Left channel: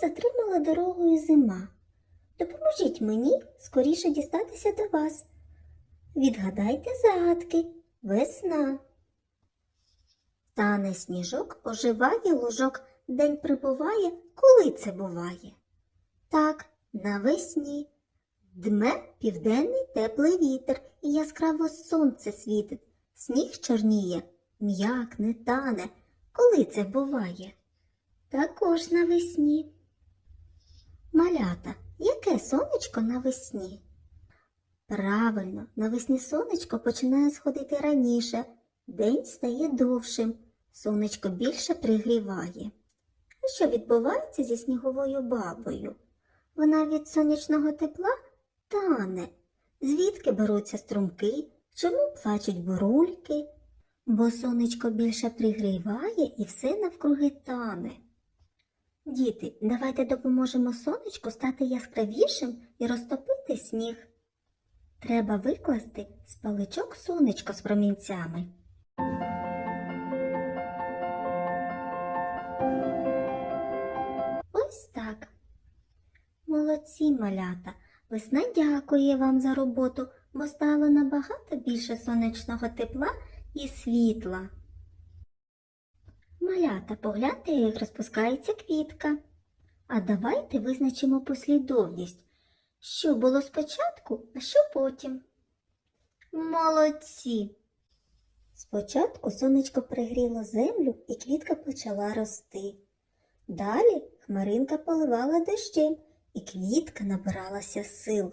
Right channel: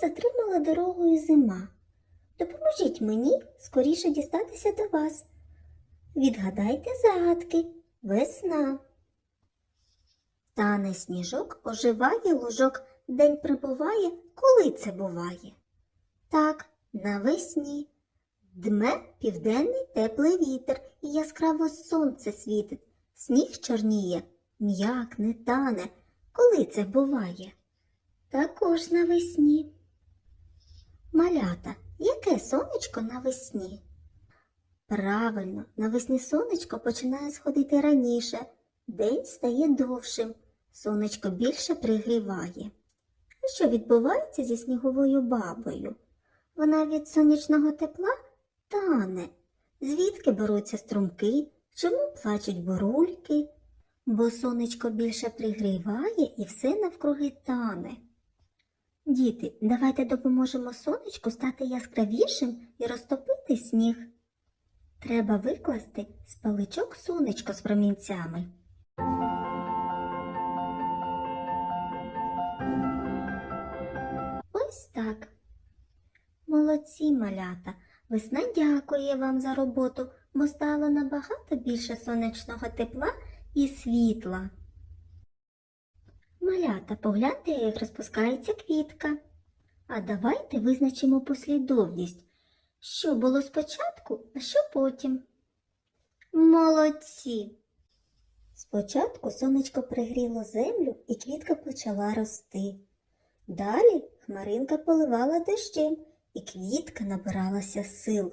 затримала дорогою зима. Допоможіть мені скоріше дістатися до вас. Відгадайте загадки, весна. Тане сніжок оживає лужок, день прибуває, коли це буває. Так, навесні. Дме південний теплий вітер, і яскраво сонце світить, сніг чорніє, м'якне, тане. Коли це буває? Також навесні. Малята, яке сонечко навесні? Правильно, навесні сонечко починає сходити раніше, день стає довшим, сонечко більше пригріває. А що відбувається зі сніговою бабою? Вона від сонячного тепла тане. Звідки беруться струмки? Чому плачуть бурульки? Бо сонечко більше пригріває і все навкруги тане. Діти, давайте допоможемо сонечку стати яскравішим і розтопити сніг. Треба викласти з паличок сонечко з промінцями. Ось так. Молодці, малята. Весна дякує вам за роботу, бо стало набагато більше сонячного тепла і світла. Малята, погляньте, як розпускається квітка. А давайте визначимо послідовність, що було спочатку, а що потім. Молодці! Спочатку сонечко пригріло землю і квітка почала рости. Далі хмаринка поливала дощем, і квітка набиралася сил.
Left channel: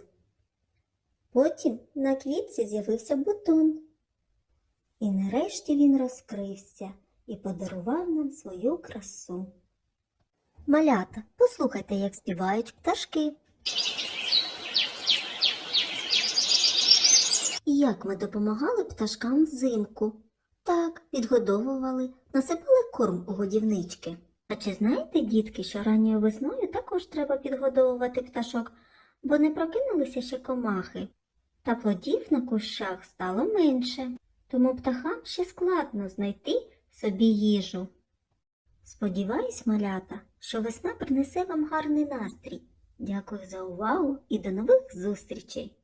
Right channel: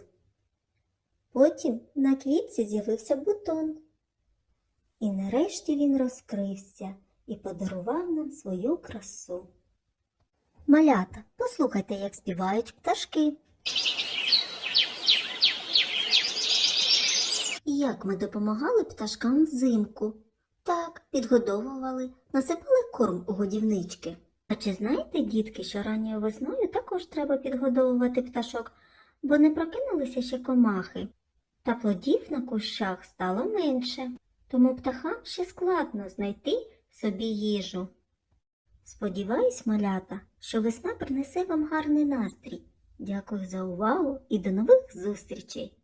Потім на квітці з'явився бутон. І нарешті він розкрився і подарував нам свою красу. Малята, послухайте, як співають пташки. І як ми допомагали пташкам взимку? Так, підгодовували, насипали корм у годівнички. А чи знаєте, дітки, що ранньою весною також треба підгодовувати пташок, бо не прокинулися ще комахи, та плодів на кущах стало менше, тому птахам ще складно знайти собі їжу. Сподіваюсь, малята, що весна принесе вам гарний настрій. Дякую за увагу і до нових зустрічей!